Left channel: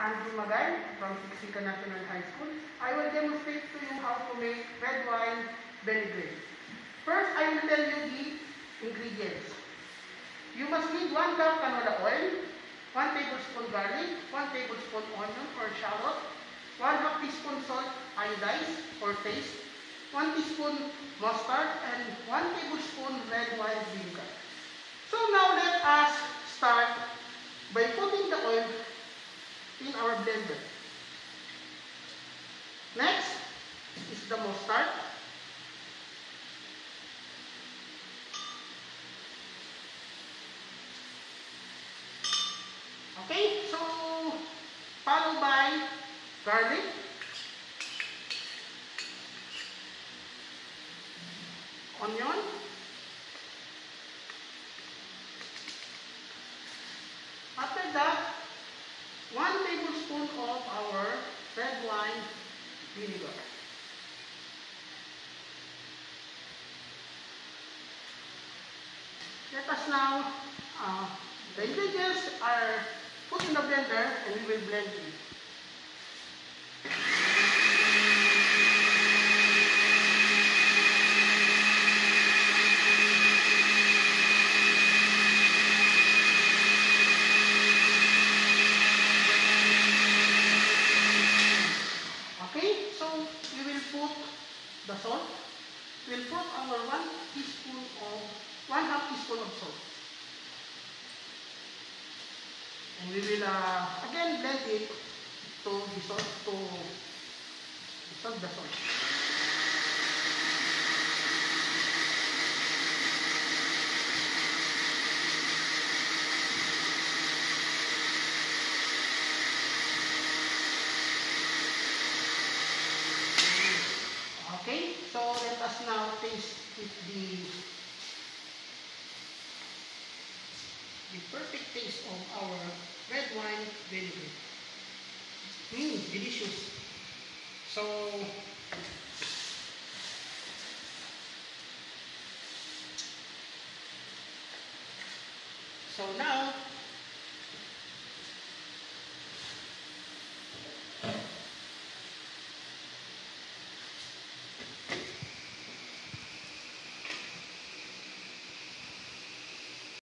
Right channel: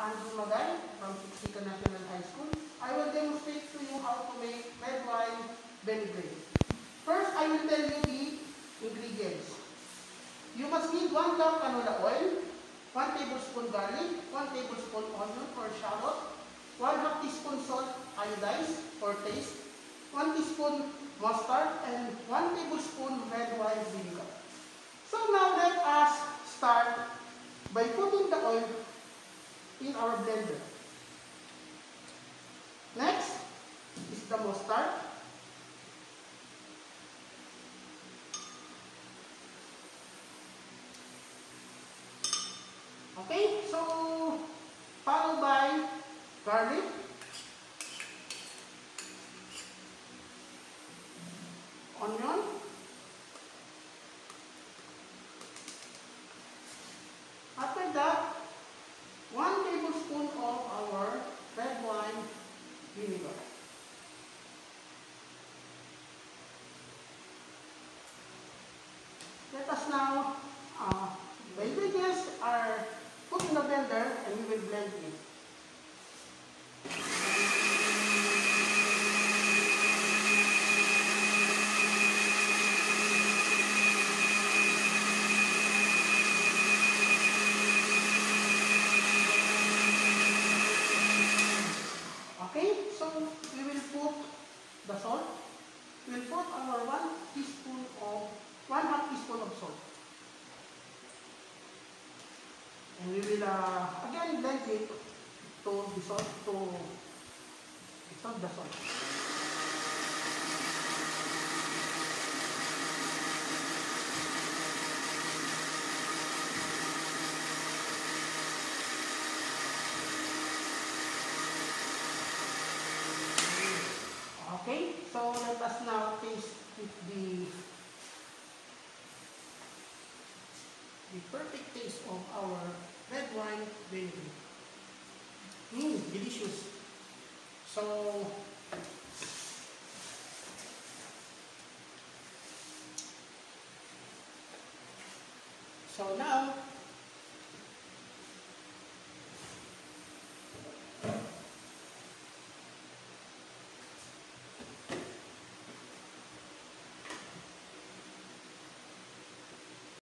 Andrew Magay from Sixican National High School. I will demonstrate to you how to make red wine vinaigrette. First, I will tell you the ingredients. You must need 1 cup canola oil, 1 tablespoon garlic, 1 tablespoon onion or shallot, 1/2 teaspoon salt iodized for taste, 1 teaspoon mustard, and 1 tablespoon red wine vinegar. So now let us start by putting the oil in our blender. Next is the mustard. Okay, so followed by garlic, onion, after that 1 tablespoon of our red wine vinegar. Let us now, the ingredients are put in the blender and we will blend it. The salt. We'll put our 1/2 teaspoon of salt. And we will again blend it to dissolve the salt. Okay, so let us now taste the perfect taste of our red wine vinegar. Delicious. So